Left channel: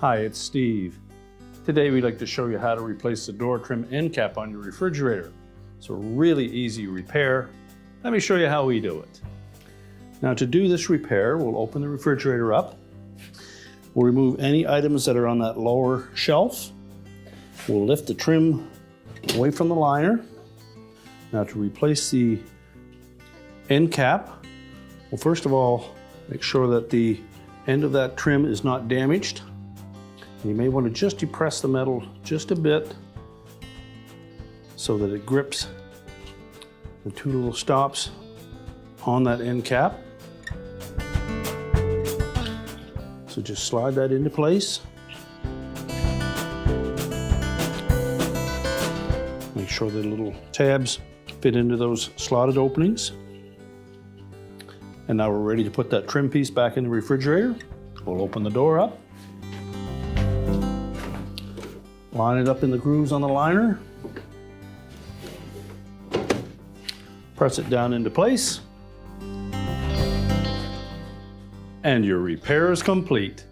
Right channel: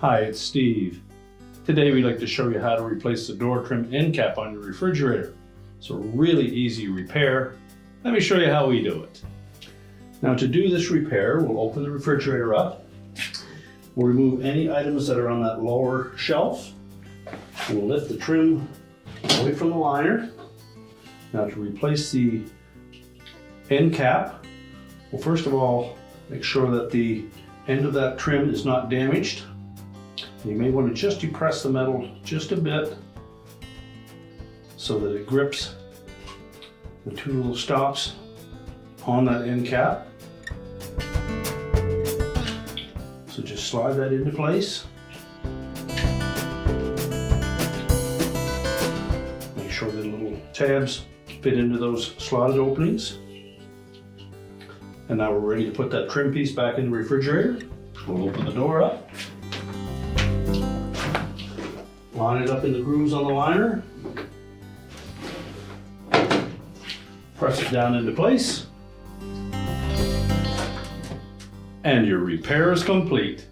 Hi, it's Steve. Today we'd like to show you how to replace the door trim end cap on your refrigerator. It's a really easy repair. Let me show you how we do it. Now to do this repair, we'll open the refrigerator up. We'll remove any items that are on that lower shelf. We'll lift the trim away from the liner. Now to replace the end cap, well, first of all, make sure that the end of that trim is not damaged. And you may want to just depress the metal just a bit so that it grips the two little stops on that end cap. So just slide that into place. Make sure the little tabs fit into those slotted openings. And now we're ready to put that trim piece back in the refrigerator. We'll open the door up. Line it up in the grooves on the liner. Press it down into place. And your repair is complete.